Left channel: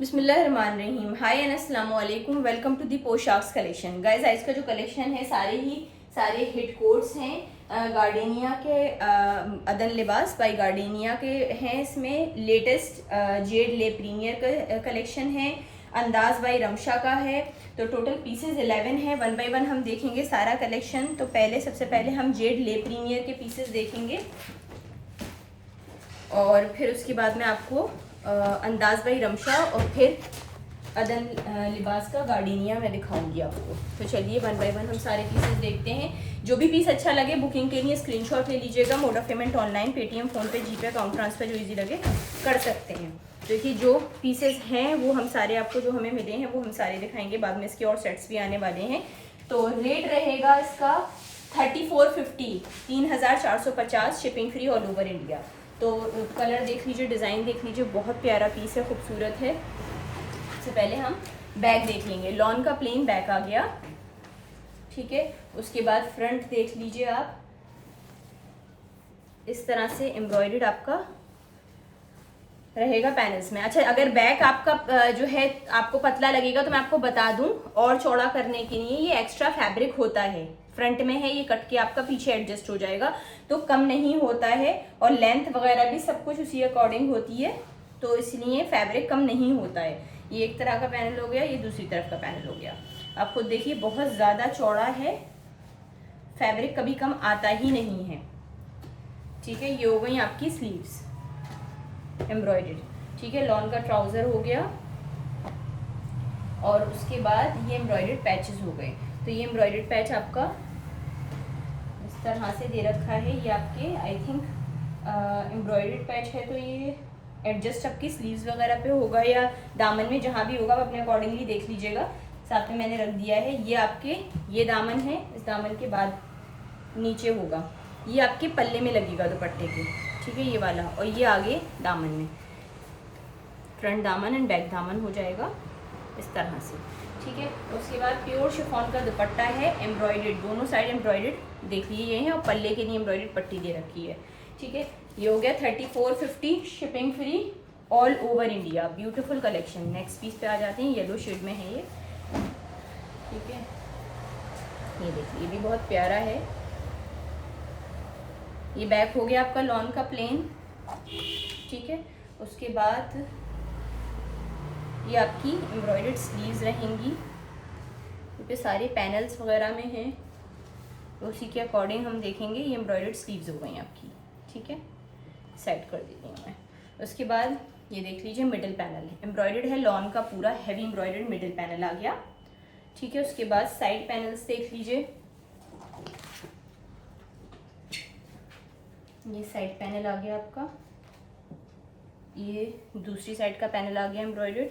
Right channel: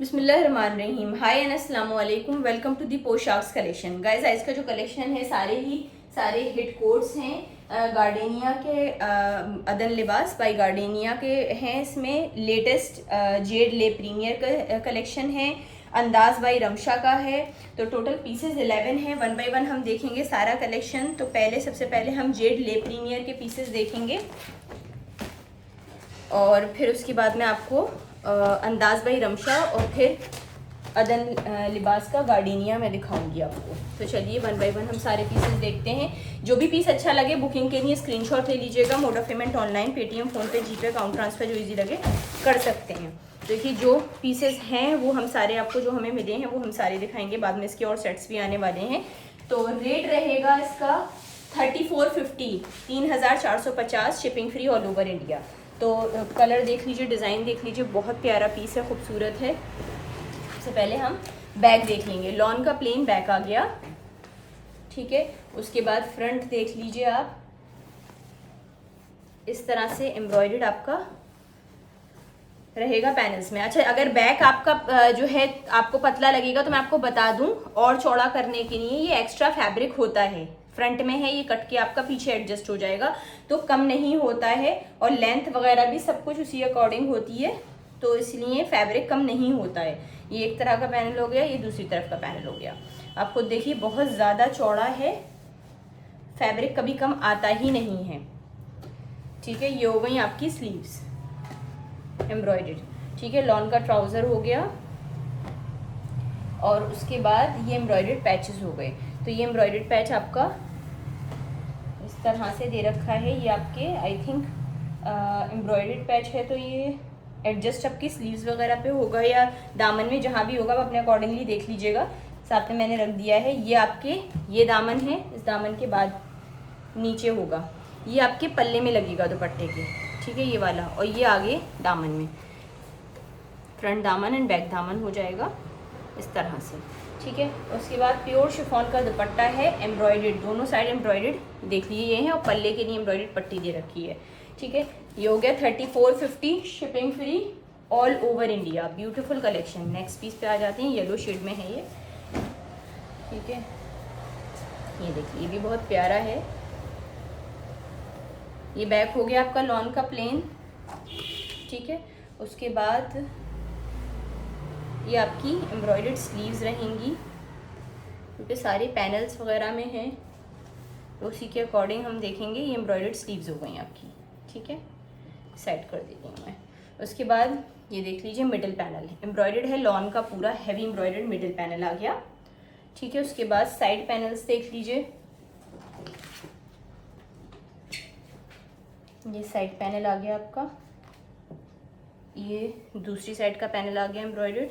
बिस्मिल्लाहिर्रहमानिर्रहीम। हाय एंड अस्सलाम वालेकुम। Welcome to the Poshak's collection. Guys, आज का जो कलेक्शन है सारे हिट कोट्स हैं। गार्डेनिया के अदन लिबास बाय गार्डेनिया के हैं। इसमें लेटेस्ट जेड ले प्रीमियर का कलेक्शन है। अंदाज बाई रमशा का है। तो टोटल पीसेस 11 हैं। वन बाय वन हम देखेंगे सारा कलेक्शन। तो सबसे पहले हम जेड ले प्रीमियर के पीसेस देखेंगे और फिर उसके बाद में आपको अंदाज बाई रमशा और फिर अदन लिबास का गार्डेनिया मैं दिखाऊंगी आपको। तो चलिए वन बाय वन हम सारे पीसेस देखते हैं। जो भी पीस अच्छा लगे बुकिंग के लिए स्क्रीनशॉट ले लीजिएगा। Mode of payment online, Paytm, PhonePe, GPay, account transfer जो इजी लगे कर सकते हैं। देखिए जो पीसेस हैं वो हम सारे आपको जो हमें मिले हैं वो हम सारे दिखाएंगे। बाद में इसके और सेट्स भी आने वाले हैं। तो रेट रहेगा इसका 3450, 3450, shipping free all over India. तो कलर देख लीजिए, डिज़ाइन देख लीजिए, बहुत प्यारा पीस है, खूबसूरत है। सबसे पहले हम बैक देख लेंगे। लॉन का प्लेन बैक आ गया, ठीक है। उसके बाद फ्रंट देख लीजिए आप, इस तरह से एम्ब्रॉयडर्ड आपका रहेगा पैनल्स में। अच्छा, अगर बैक आपका जो है आपको पतला लगेगा तो मैं आपको बता दूं, और चौड़ा करने के लिए ये एक्स्ट्रा फैब्रिक होता है। फ्रंट में है, ये कट के आपका पीछे एडजस्ट हो जाएगा, तो कम नहीं होता है। और लेंथ वगैरह भी सब कुछ उसी अकॉर्डिंग होती है, तो इसलिए फैब्रिक कम नहीं होता है। ये एक तरह का पैनल हो गया, ये दूसरी तरफ का पैनल हो गया। आप खुद देखिए बहुत ज़्यादा चौड़ा है, फैब्रिक कभी कम आता ही नहीं है, ठीक है। ये हो गई आपकी स्लीव्स एम्ब्रॉयडर्ड, ठीक है। लॉन का ट्राउज़र हो गया और उसके बाद ये एम्ब्रॉयडर्ड पैचेस हो गए। तो ये एम्ब्रॉयडर्ड पैच आपका इस तरह से दे रखा है। ये आपके आई थिंक एम्ब्रॉयडर्ड पैच है, तो ये एडजस्ट आपकी स्लीव्स वगैरह पे होगा या दामन में, जहाँ भी होगा आप अपने अकॉर्डिंगली देख लीजिएगा। साथ में मैंने रख दिया है। ये आपके ये दामन है, इस दामन के बाद नीचे होगा, ये आपके पल्ले में लगेगा दुपट्टे के, ठीक है, ये वाला। और ये आगे दामन में, फ्रंट दामन एंड बैक दामन हो जाएगा इस तरह से, ठीक है। उसके बाद प्योर शिफॉन का दुपट्टा है, एम्ब्रॉयडर्ड, दोनों साइड एम्ब्रॉयडर्ड देख लीजिए ये है, और पल्ले के लिए एम्ब्रॉयडर्ड पट्टी दे रखी है, ठीक है। ये हो गया 3450, shipping free all over India. Beautiful collection. Next piece पे आ जाते हैं। येलो शेड में है ये, ठीक है। ये देखिए, ये भी बहुत प्यारा है। ये बैक हो गया आपका लॉन का प्लेन, ठीक है। उसके बाद ये आपकी एम्ब्रॉयडर्ड स्लीव्स रहेंगी, क्योंकि सारे पैनल्स वगैरह में हैं, तो उसी के अकॉर्डिंग हम देखेंगे। ये एम्ब्रॉयडर्ड स्लीव्स हो गई आपकी, ठीक है। सेट कर देती हूँ मैं। उसके बाद ये देख लीजिए, मिडिल पैनल एम्ब्रॉयडर्ड है, लॉन का पूरा हैवी एम्ब्रॉयडर्ड मिडिल पैनल आ गया, ठीक है। उसके बाद साइड पैनल्स देख लीजिए, ये साइड पैनल आ गया आपका, ये दूसरी साइड का पैनल आ गया एम्ब्रॉयडर्ड,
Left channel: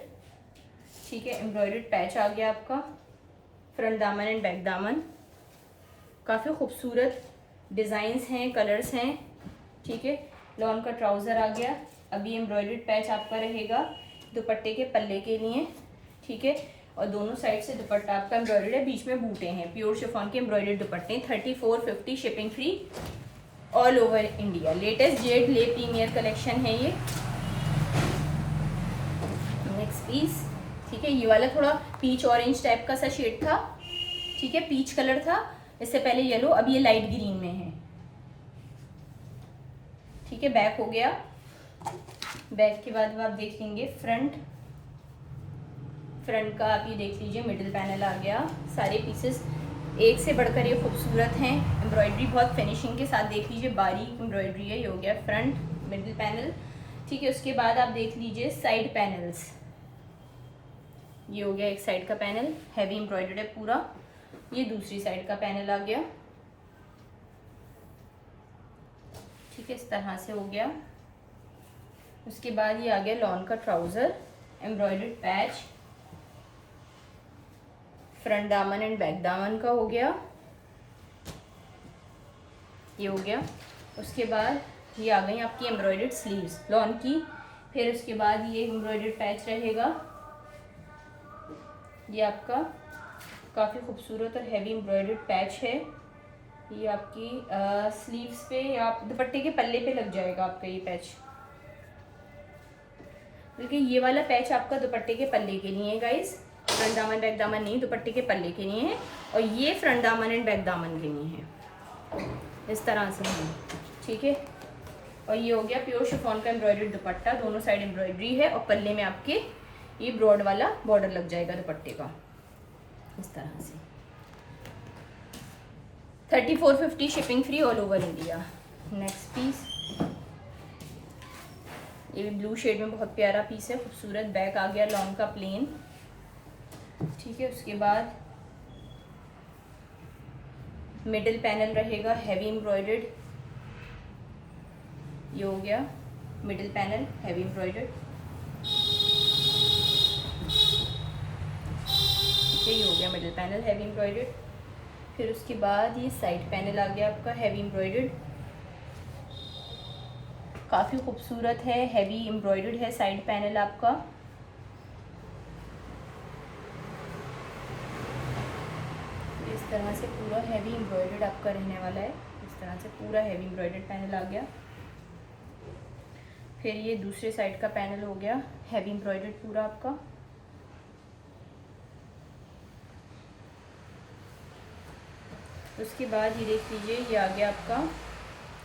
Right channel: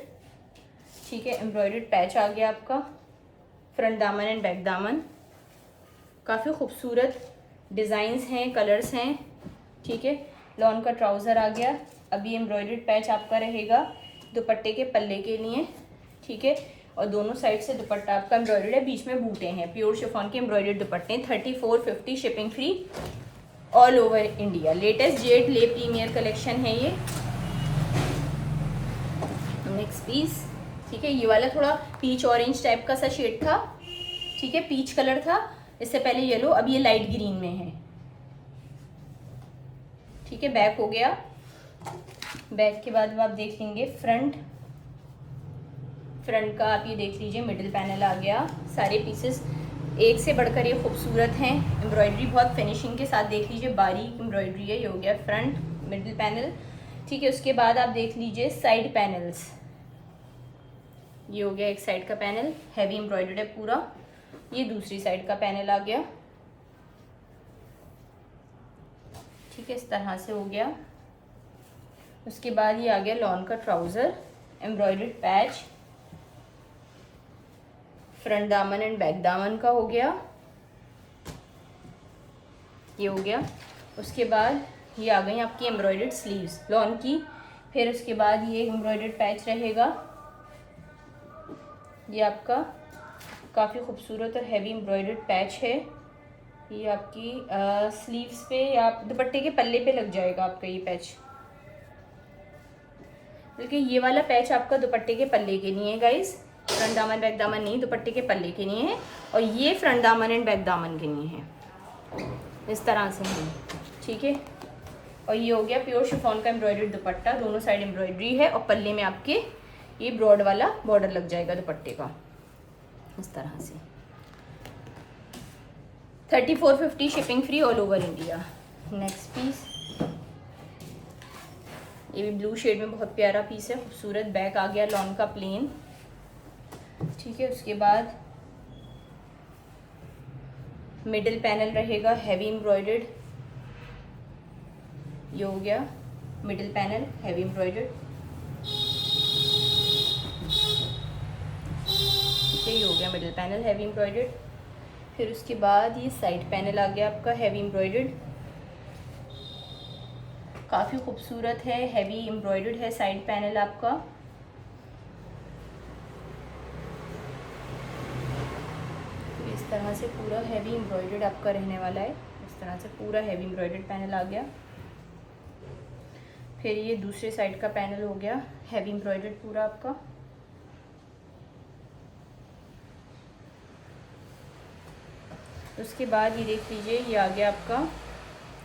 ठीक है। एम्ब्रॉयडर्ड पैच आ गया आपका, फ्रंट दामन एंड बैक दामन। काफ़ी खूबसूरत डिज़ाइंस हैं, कलर्स हैं, ठीक है। लॉन का ट्राउज़र आ गया। अभी एम्ब्रॉयडर्ड पैच आपका रहेगा दुपट्टे के पल्ले के लिए, ठीक है। और दोनों साइड से दुपट्टा आपका एम्ब्रॉयडर्ड है, बीच में बूटे हैं। प्योर शिफॉन के एम्ब्रॉयडर्ड दुपट्टे, 3450, shipping free all over India. Latest Z ले प्रीमियर कलेक्शन है ये। नेक्स्ट पीस, ठीक है। ये वाला थोड़ा पीच ऑरेंज टाइप का सा शेड था, ठीक है, पीच कलर था, इससे पहले येलो, अब ये लाइट ग्रीन में है, ठीक है। बैक हो गया। बैक के बाद आप देख लेंगे फ्रंट का, आप ये देख लीजिए, मिडिल पैनल आ गया। सारे पीसेस एक से बढ़कर ये खूबसूरत हैं। एम्ब्रॉयडरी बहुत फिनिशिंग के साथ देख लीजिए, बारीक एम्ब्रॉयडरी है। ये हो गया फ्रंट मिडिल पैनल, ठीक है। उसके बाद आप देख लीजिए साइड पैनल्स, ये हो गया एक साइड का पैनल, हैवी एम्ब्रॉयडर्ड है पूरा। ये दूसरी साइड का पैनल आ गया, ठीक है, इस तरह से हो गया। उसके बाद ये आ गया लॉन का ट्राउज़र, एम्ब्रॉयडर्ड पैच, फ्रंट दामन एंड बैक दामन का हो गया, ये हो गया। उसके बाद ये आ गई आपकी एम्ब्रॉयडर्ड स्लीव्स लॉन की। फिर उसके बाद ये एम्ब्रॉयडर्ड पैच रहेगा, ये आपका काफ़ी खूबसूरत और हैवी एम्ब्रॉयडर्ड पैच है। ये आपकी स्लीव्स पे या दुपट्टे के पल्ले पे लग जाएगा आपका ये पैच, बल्कि ये वाला पैच आपका दुपट्टे के पल्ले के लिए है गाइस, फ्रंट दामन बैक दामन नहीं, दुपट्टे के पल्ले के लिए है। और ये फ्रंट दामन एंड बैक दामन के लिए है, इस तरह से है, ठीक है। और ये हो गया प्योर शिफॉन का एम्ब्रॉयडर्ड दुपट्टा, दोनों साइड एम्ब्रॉयडरी है और पल्ले में आपके ये ब्रॉड वाला बॉर्डर लग जाएगा दुपट्टे का, इस तरह से। 3450 shipping free all over India. Next piece, ये भी ब्लू शेड में बहुत प्यारा पीस है, खूबसूरत। बैक आ गया लॉन का प्लेन, ठीक है। उसके बाद मिडिल पैनल रहेगा हैवी एम्ब्रॉयडर्ड, ये हो गया मिडिल पैनल हैवी एम्ब्रॉयडर्ड, ठीक है। ये हो गया मिडिल पैनल हैवी एम्ब्रॉयडर्ड। फिर उसके बाद ये साइड पैनल आ गया आपका हैवी एम्ब्रॉयडर्ड, काफ़ी खूबसूरत है, हैवी एम्ब्रॉयडर्ड है साइड पैनल आपका। इस तरह से पूरा हैवी एम्ब्रॉयडर्ड आपका रहने वाला है, इस तरह से पूरा हैवी एम्ब्रॉयडर्ड पैनल आ गया। फिर ये दूसरे साइड का पैनल हो गया हैवी एम्ब्रॉयडर्ड पूरा आपका। उसके बाद ये देख लीजिए, ये आ गया आपका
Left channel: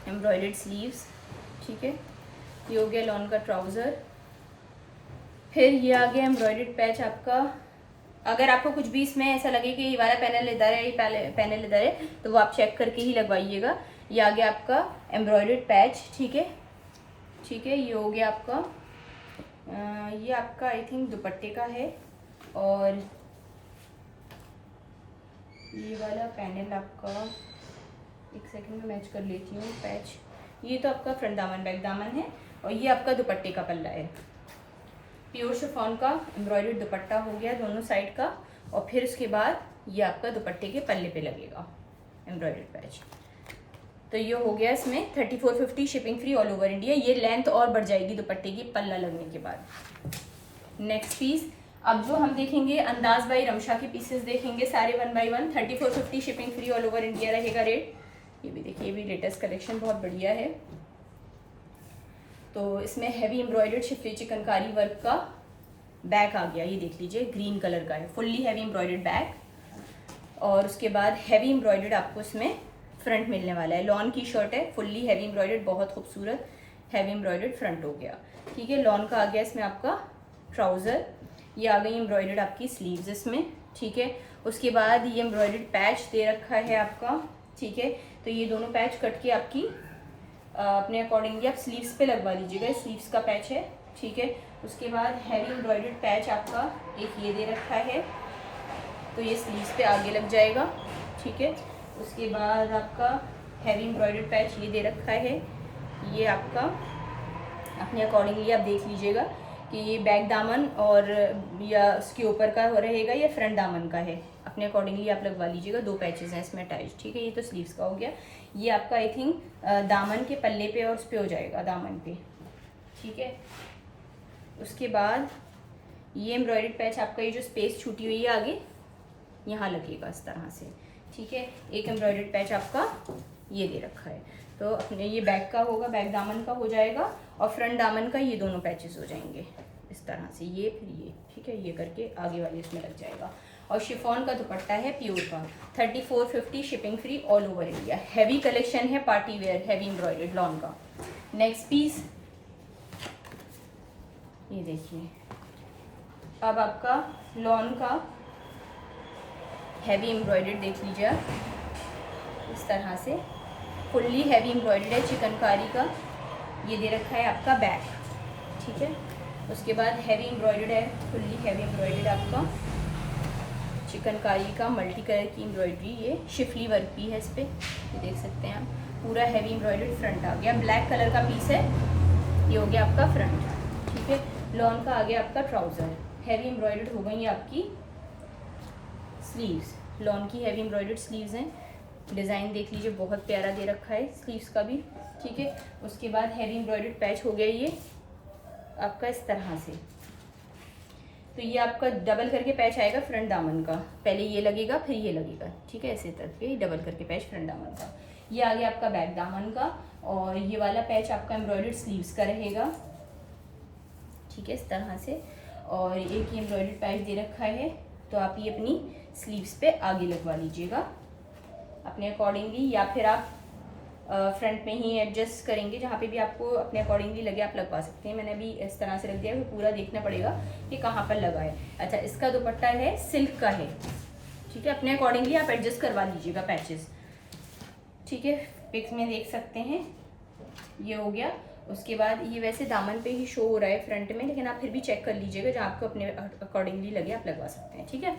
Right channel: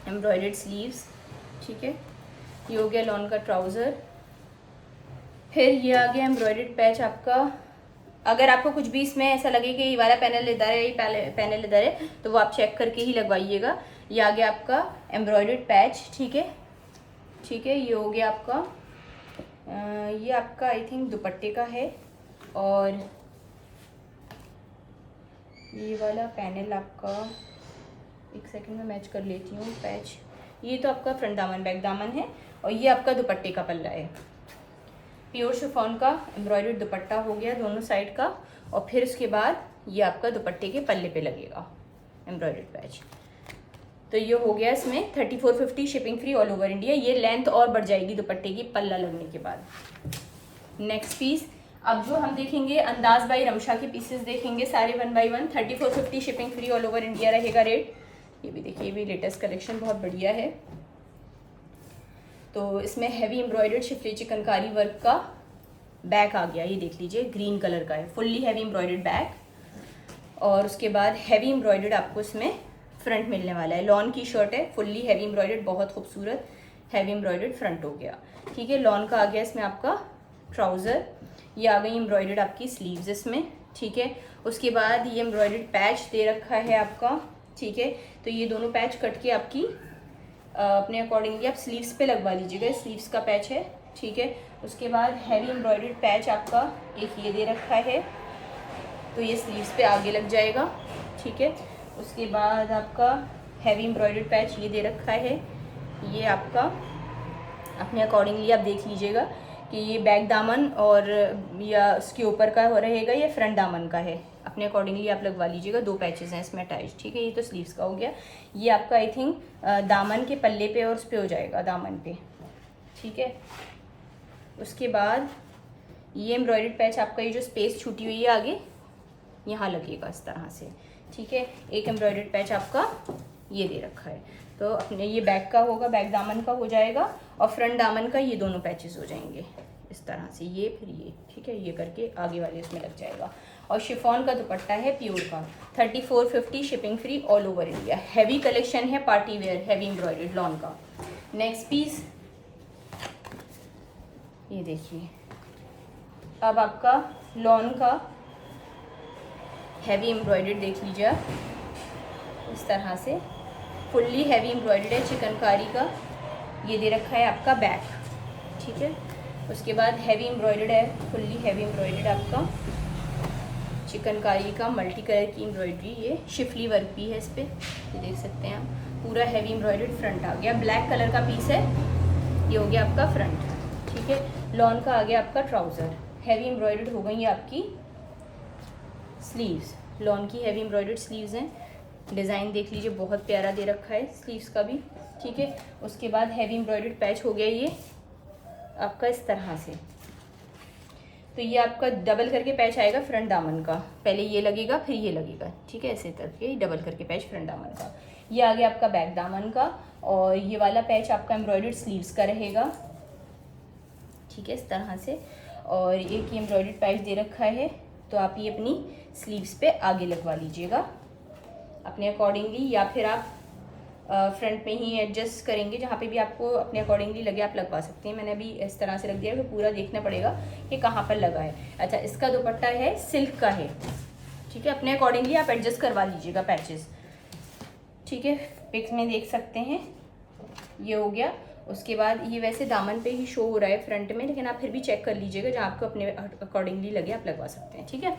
एम्ब्रॉयडर्ड स्लीव्स, ठीक है। ये हो गया लॉन का ट्राउज़र। फिर ये आ गया एम्ब्रॉयडर्ड पैच आपका। अगर आपको कुछ भी इसमें ऐसा लगे कि ये वाला पैनल इधर है, ये पैनल इधर है, तो वो आप चेक करके ही लगवाइएगा। ये आ गया आपका एम्ब्रॉयडर्ड पैच, ठीक है, ठीक है। ये हो गया आपका ये आपका आई थिंक दुपट्टे का है। और ये वाला पैनल आपका, एक सेकंड में मैच कर लेती हूँ पैच। ये तो आपका फ्रंट दामन बैक दामन है और ये आपका दुपट्टे का पल्ला है। प्योर शिफॉन का एम्ब्रॉयडर्ड दुपट्टा हो गया दोनों साइड का। और फिर उसके बाद ये आपका दुपट्टे के पल्ले पे लगेगा एम्ब्रॉयडर्ड पैच। तो ये हो गया इसमें 3450 shipping free all over India. ये लेंथ और बढ़ जाएगी दुपट्टे की पल्ला लगने के बाद। नेक्स्ट पीस, अब जो हम देखेंगे अंदाज बाई रमशा की पीसेस देखेंगे सारे 1 by 1। 3450 shipping free all over India रहेगा रेट। ये भी देखिए, ये भी लेटेस्ट कलेक्शन बहुत बढ़िया है। तो इसमें heavy embroidered Schiffli chikankari work का बैक आ गया, ये देख लीजिए ग्रीन कलर का है, फुल्ली हैवी एम्ब्रॉयडर्ड बैक। और उसके बाद हैवी एम्ब्रॉयडर्ड आपको इसमें फ्रंट मिलने वाला है। लॉन की शर्ट है, फुल्ली हैवी एम्ब्रॉयडर्ड, बहुत खूबसूरत हैवी एम्ब्रॉयडर्ड फ्रंट हो गया, ठीक है। लॉन का आ गया इसमें आपका ट्राउज़र। ये आ गई एम्ब्रॉयडर्ड आपकी स्लीव्स इसमें, ठीक है। उसके बाद ये एम्ब्रॉयडर्ड पैच दे रखा है आपका, ठीक है। तो ये दोनों पैच कट के आपकी अपने अकॉर्डिंगली आप स्लीव्स पे लगवा लीजिएगा, स्लीव्स का पैच है, ठीक है। उसके बाद हैवी एम्ब्रॉयडर्ड पैच आपका एक ये दे रखा है, तो ये स्लीव्स पे आगे लग जाएगा, ठीक है। उसके बाद आपका हैवी एम्ब्रॉयडर्ड पैच ये दे रखा है, ये आपका अपने अकॉर्डिंगली आप देख लीजिएगा कि ये बैक दामन और या उसके ऊपर का रहेगा या फ्रंट दामन का है, अपने अकॉर्डिंगली आप लगवा लीजिएगा। 2 पैचेस हैं इसमें अटैच, ठीक है। ये तो स्लीव्स का हो गया। ये आपका आई थिंक दामन के पल्ले पे और उस पे हो जाएगा, दामन पे, ठीक है। उसके बाद ये एम्ब्रॉयडर्ड पैच आपका, ये जो स्पेस छूटी हुई है आगे यहाँ लगेगा इस तरह से, ठीक है। एक एम्ब्रॉयडर्ड पैच आपका ये दे रखा है, तो अपने ये बैक का होगा, बैक दामन का हो जाएगा। और फ्रंट दामन का ये दोनों पैचेस हो जाएंगे इस तरह से, ये फिर ये, ठीक है। ये करके आगे वाले इसमें लग जाएगा। और शिफॉन का दुपट्टा है प्योर का, 3450 shipping free all over India. Heavy collection है, party wear heavy embroidered lawn का। नेक्स्ट पीस ये देखिए, अब आपका लॉन का हैवी एम्ब्रॉयडर्ड देख लीजिए आप, इस तरह से फुल्ली हैवी एम्ब्रॉयडर्ड है, चिकनकारी का ये दे रखा है आपका बैक, ठीक है। उसके बाद हैवी एम्ब्रॉयडर्ड है, फुल्ली हैवी एम्ब्रॉयडर्ड आपका चिकनकारी का मल्टी कलर की एम्ब्रॉयडरी, ये शिफली वर्क भी है इस पर, ये देख सकते हैं आप। पूरा हैवी एम्ब्रॉयडर्ड फ्रंट आ गया, ब्लैक कलर का पीस है, ये हो गया आपका फ्रंट, ठीक है। लॉन का आ गया आपका ट्राउज़र, हैवी एम्ब्रॉयडर्ड हो गई है आपकी स्लीव्स, लॉन की हैवी एम्ब्रॉयडर्ड स्लीव्स हैं। डिज़ाइन देख लीजिए, बहुत प्यारा दे रखा है स्लीव्स का भी, ठीक है। उसके बाद हैवी एम्ब्रॉयडर्ड पैच हो गया ये आपका इस तरह से। तो ये आपका डबल करके पैच आएगा फ्रंट दामन का, पहले ये लगेगा फिर ये लगेगा, ठीक है। ऐसे करके डबल करके पैच फ्रंट दामन का। ये आ गया आपका बैक दामन का, और ये वाला पैच आपका एम्ब्रॉयडर्ड स्लीव्स का रहेगा, ठीक है, इस तरह से। और एक ये एम्ब्रॉयडर्ड पैच दे रखा है, तो आप ये अपनी स्लीव्स पे आगे लगवा लीजिएगा अपने अकॉर्डिंगली, या फिर आप फ्रंट में ही एडजस्ट करेंगे, जहाँ पे भी आपको अपने अकॉर्डिंगली लगे आप लगवा सकते हैं। मैंने अभी इस तरह से रख दिया है, पूरा देखना पड़ेगा कि कहाँ पर लगा है। अच्छा, इसका दुपट्टा है सिल्क का है, ठीक है, अपने अकॉर्डिंगली आप एडजस्ट करवा लीजिएगा पैचेस, ठीक है। पिक्स में देख सकते हैं, ये हो गया। उसके बाद ये वैसे दामन पे ही शो हो रहा है फ्रंट में, लेकिन आप फिर भी चेक कर लीजिएगा, जहाँ आपको अपने अकॉर्डिंगली लगे आप लगवा सकते हैं, ठीक है।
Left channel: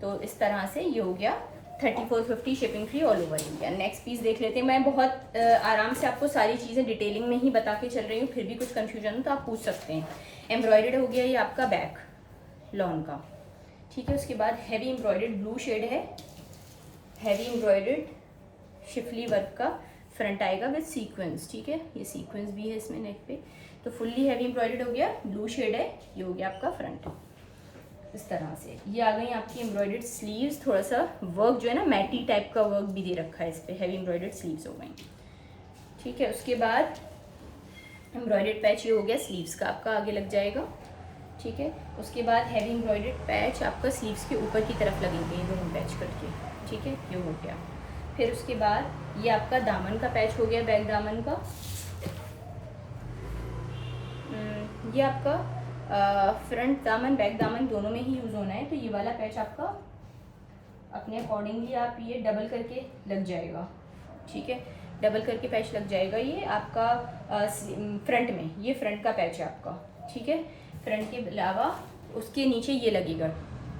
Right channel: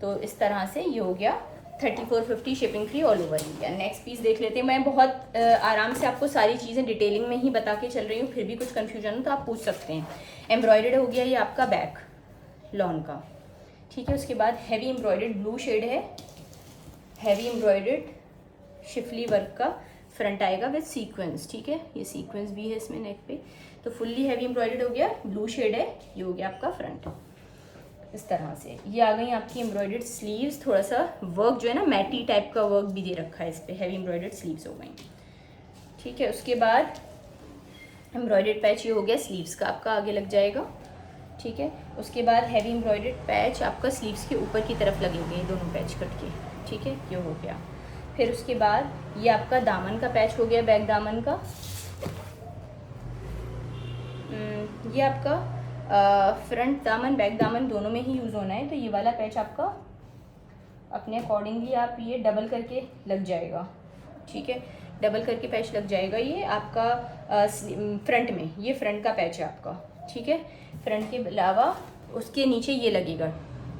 तो इस तरह से ये हो गया 3450 shipping free all over India. Next piece देख लेते हैं। मैं बहुत आराम से आपको सारी चीज़ें डिटेलिंग में ही बता के चल रही हूँ, फिर भी कुछ कन्फ्यूजन हो तो आप पूछ सकते हैं। एम्ब्रॉयडर्ड हो गया ये आपका बैक लॉन का, ठीक है। उसके बाद हैवी एम्ब्रॉयडर्ड ब्लू शेड है, हैवी एम्ब्रॉयडर्ड शिफली वर्क का फ्रंट आएगा विद सीक्वेंस, ठीक है। ये सीक्वेंस भी है इसमें नेक पे, तो फुल्ली हैवी एम्ब्रॉयडर्ड हो गया, ब्लू शेड है, ये हो गया आपका फ्रंट। इस तरह से ये आ गई आपकी एम्ब्रॉयडर्ड स्लीव्स, थोड़ा सा वर्क जो है ना मैटी टाइप का वर्क भी दे रखा है इस पर, हैवी एम्ब्रॉयडर्ड स्लीव्स हो गई, ठीक है। उसके बाद एम्ब्रॉयडर्ड पैच ये हो गया स्लीव्स का, आपका आगे लग जाएगा, ठीक है। उसके बाद हैवी एम्ब्रॉयडर्ड पैच आपका स्लीव्स के ऊपर की तरफ लगेंगे, ये दोनों पैच कट के, ठीक है, ये हो गया। फिर उसके बाद ये आपका दामन का पैच हो गया, बैक दामन का, ये आपका फ्रंट दामन बैक दामन दोनों में ही यूज़ होना है, तो ये वाला पैच आपका अपने अकॉर्डिंगली आप ये डबल करके लग जाएगा, ठीक है, डबल करके पैच लग जाएगा ये आपका फ्रंट में, ये फ्रंट का पैच है आपका, ठीक है। फ्रंट के अलावा उसके नीचे ये लगेगा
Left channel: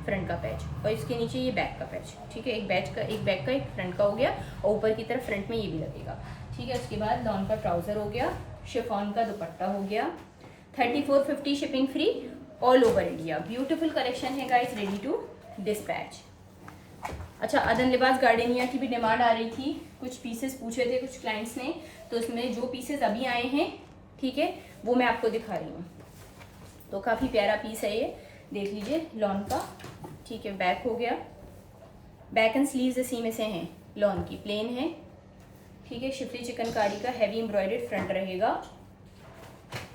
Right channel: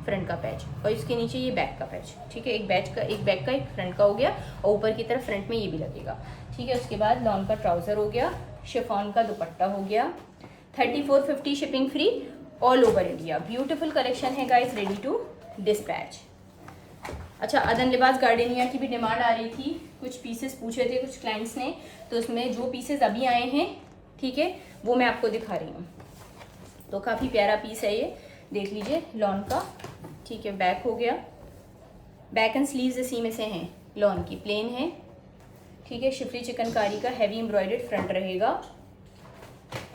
फ्रंट का पैच, और इसके नीचे ये बैक का पैच, ठीक है। एक बैक का एक फ्रंट का हो गया, और ऊपर की तरफ फ्रंट में ये भी लगेगा, ठीक है। उसके बाद लॉन का ट्राउज़र हो गया, शिफॉन का दुपट्टा हो गया, 3450 shipping free all over India. Beautiful collection है गाइस, रेडी टू डिस्पैच। अच्छा, अदन लिबास गार्डेनिया की भी डिमांड आ रही थी, कुछ पीसेस पूछे थे कुछ क्लाइंट्स ने, तो उसमें जो पीसेस अभी आए हैं, ठीक है, वो मैं आपको दिखा रही हूँ। तो काफ़ी प्यारा पीस है ये, देख लीजिए, लॉन का, ठीक है। बैक हो गया, बैक एंड स्लीव्स इसी में से हैं, लॉन की प्लेन है, ठीक है। शिफली चिकनकारी का हैवी एम्ब्रॉयडर्ड फ्रंट रहेगा,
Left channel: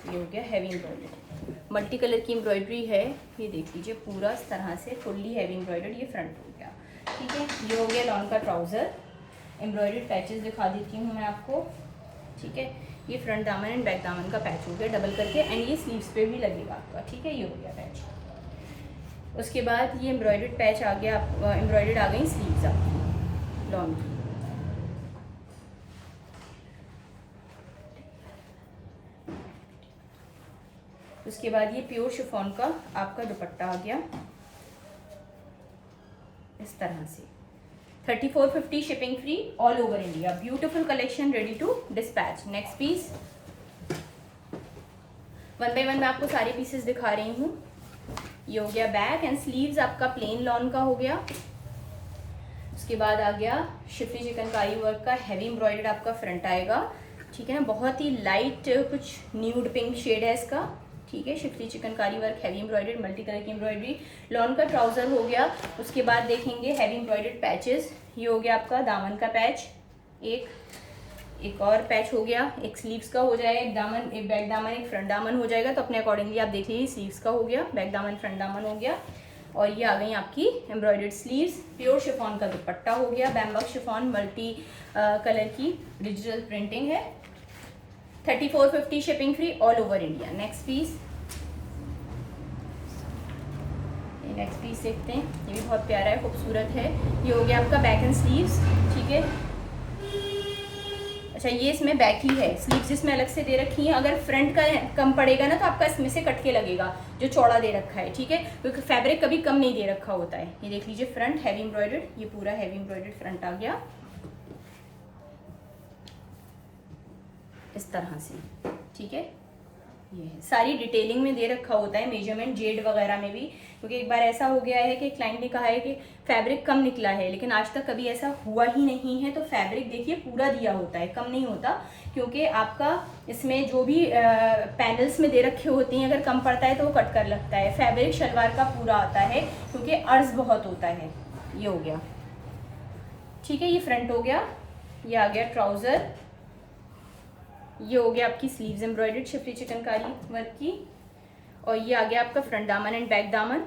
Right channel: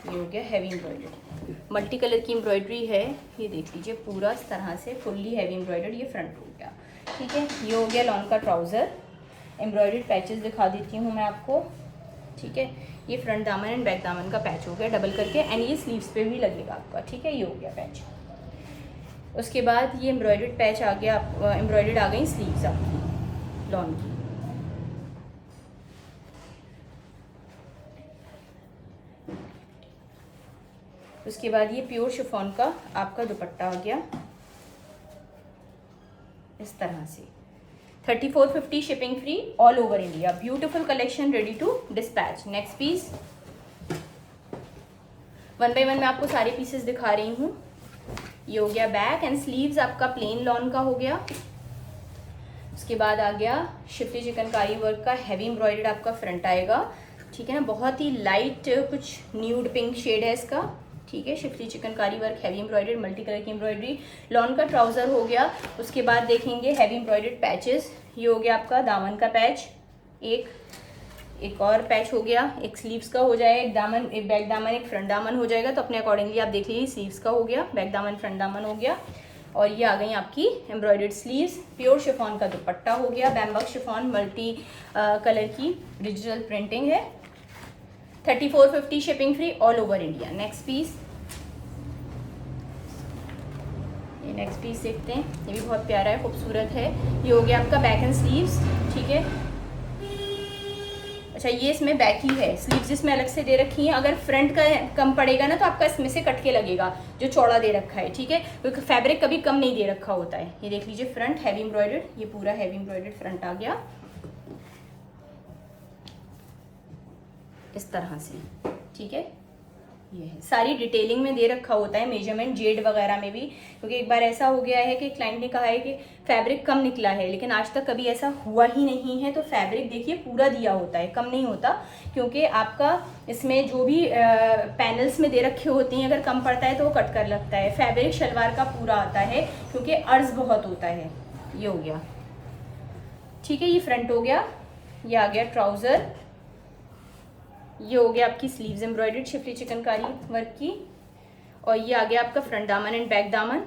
ये हो गया हैवी एम्ब्रॉयडर्ड, मल्टी कलर की एम्ब्रॉयडरी है, ये देख लीजिए पूरा इस तरह से फुल्ली हैवी एम्ब्रॉयडर्ड ये फ्रंट हो गया, ठीक है। ये हो गया लॉन का ट्राउज़र, एम्ब्रॉयडर्ड पैचेस दिखा देती हूँ मैं आपको, ठीक है। ये फ्रंट दामन एंड बैक दामन का पैच हो गया डबल करके, एंड ये स्लीव्स पे भी लगेगा आपका, ठीक है, ये हो गया पैच। उसके बाद ये एम्ब्रॉयडर्ड पैच आ गया, एम्ब्रॉयडर्ड आ गई स्लीव्स आपकी लॉन की, उसके बाद ये प्योर शिफॉन का आपका दुपट्टा आ गया इस तरह से, 3450 shipping free all over India. Beautiful collection ready to dispatch. Next piece, one by one मैं आपको सारे पीसेस दिखा रही हूँ। ये हो गया बैक एंड स्लीव्स आपका प्लेन लॉन का हो गया। उसके बाद आ गया शिफली चिकनकारी वर्क का हैवी एम्ब्रॉयडर्ड आपका फ्रंट आएगा, ठीक है ना, बहुत ही लाइट कुछ न्यूड पिंक शेड है इसका, ठीक है। Schiffli chikankari work heavy embroidered multi colour की एम्ब्रॉयडरी, लॉन का ट्राउज़र हो गया। उसके बाद देखेंगे हैवी एम्ब्रॉयडर्ड पैचेस, ये हो गया आपका दामन का पैच, एक और पैच हो गया, एक स्लीव्स का हो जाएगा, एक दामन, एक बैक दामन, एक फ्रंट दामन हो जाएगा, तो अपने अकॉर्डिंगली आप देख लीजिए, स्लीव्स का हो गया, बैक दामन फ्रंट दामन हो गया। और ये आ गई आपकी एम्ब्रॉयडर्ड स्लीव्स, प्योर शिफॉन का दुपट्टा हो गया, बैम्बक शिफॉन मल्टी कलर की डिजिटल प्रिंटिंग है, 3450 shipping free all over India. Next piece, ये नेक्स्ट पीस देखते हैं, ये भी बहुत प्यारा है, खूबसूरत है। ये हो गया आपका बैक एंड स्लीव्स, ठीक है। अच्छा, ये इसमें बैक ही है, स्लीव्स इसमें अलग से दे रखी हैं। अगर फ्रंट का कम पड़ेगा ना तो आपका इसमें से कट के लगेगा, जो चौड़ा दे रखा है, ठीक है, क्योंकि फैब्रिक कभी कम नहीं दे रखा होता है। ये देख लीजिए फ्रंट हैवी एम्ब्रॉयडर्ड, ये पूरा हैवी एम्ब्रॉयडर्ड फ्रंट आ गया इस तरह से, ठीक है। ये है, सारी डिटेलिंग में दे रखा होता है, मेजरमेंट जेड वगैरह में भी, क्योंकि एक बार ऐसा हो गया है कि क्लाइंट ने कहा है कि फैब्रिक कम निकला है, लेकिन आज तक कभी ऐसा हुआ ही नहीं है। तो फैब्रिक देखिए पूरा दिया होता है, कम नहीं होता, क्योंकि आपका इसमें जो भी पैनल्स में दे रखे होते हैं, अगर कम पड़ता है तो वो कट कर लगता है। फैब्रिक शलवार का पूरा आता है, क्योंकि अर्ज बहुत होता है। ये हो गया, ठीक है, ये फ्रंट हो गया, ये आ गया ट्राउज़र, ये हो गया आपकी sleeves embroidered Schiffli chikankari work की। और ये आ गया आपका फ्रंट दामन एंड बैक दामन।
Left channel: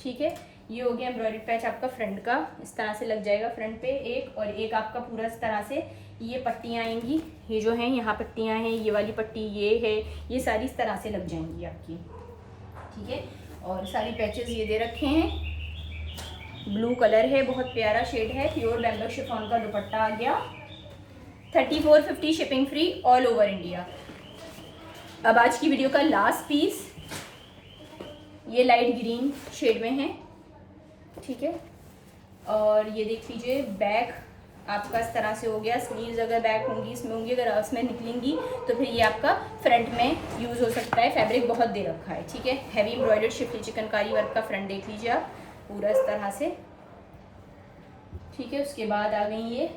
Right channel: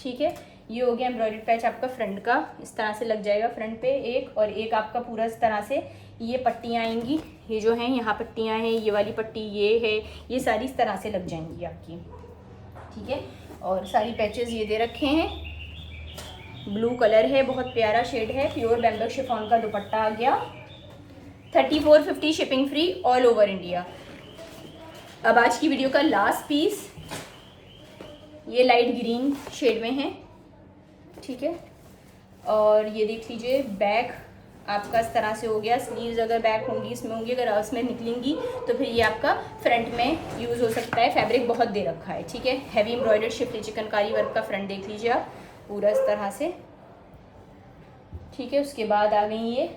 ठीक है, ये हो गया एम्ब्रॉयडरी पैच आपका फ्रंट का, इस तरह से लग जाएगा फ्रंट पे एक, और एक आपका पूरा इस तरह से ये पट्टियाँ आएंगी, ये जो हैं यहाँ पट्टियाँ हैं, ये वाली पट्टी ये है, ये सारी इस तरह से लग जाएंगी आपकी। ठीक है, और सारी पैचेस ये दे रखे हैं। ब्लू कलर है, बहुत प्यारा शेड है, प्योर बैंबक शिफॉन का दुपट्टा आ गया। 3450 shipping free all over India. अब आज की वीडियो का लास्ट पीस, ये लाइट ग्रीन शेड में है। ठीक है, और ये देख लीजिए बैक आपका इस तरह से हो गया। स्लीव्स अगर बैक होंगी इसमें होंगी, अगर उसमें निकलेंगी तो फिर ये आपका फ्रंट में यूज़ हो सकता है। फैब्रिक बहुत दे रखा है। ठीक है, heavy embroidered shift chikankari work का फ्रंट देख लीजिए आप पूरा इस तरह से। ठीक है, उसके बाद आ गई ये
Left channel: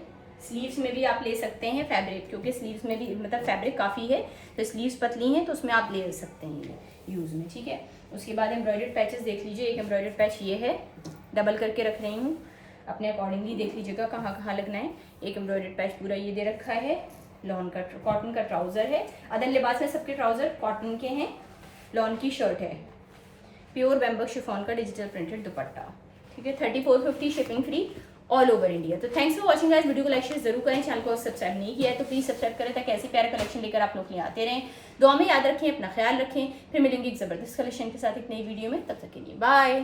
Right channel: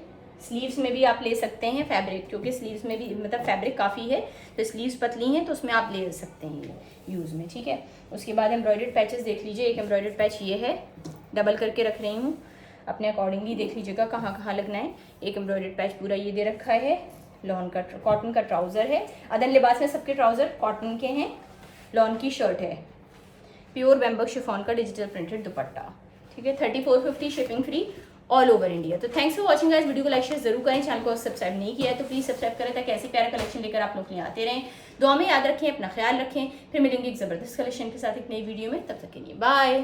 स्लीव्स में भी आप ले सकते हैं फैब्रिक, क्योंकि स्लीव्स में भी मतलब फैब्रिक काफ़ी है, तो स्लीव्स पतली हैं तो उसमें आप ले सकते हैं ये यूज़ में। ठीक है, उसके बाद एम्ब्रॉयडर्ड पैचेस देख लीजिए। एक एम्ब्रॉयडर्ड पैच ये है, डबल करके रख रही हूँ, अपने अकॉर्डिंगली देख लीजिएगा कहाँ कहाँ लगना है। एक एम्ब्रॉयडर्ड पैच पूरा ये दे रखा है। लॉन का कॉटन का ट्राउज़र है। अदर लिबास में सबके ट्राउज़र कॉटन के हैं। लॉन की शर्ट है, प्योर बैम्बक शिफॉन का डिजिटल प्रिंटेड दुपट्टा। ठीक है, 3450 shipping free all over India. तो thanks for watching guys, video को लाइक शेयर जरूर करें, चैनल को सब्सक्राइब नहीं किया है तो प्लीज़ सब्सक्राइब करें ताकि ऐसी प्यारा कलेक्शन लेकर आप लोग यहाँ आते रहें। दुआ में याद रखें, अपना ख्याल रखें, फिर मिलेंगे एक ज़बरदस्त कलेक्शन के साथ एक नई वीडियो में। तब तक के लिए बाय।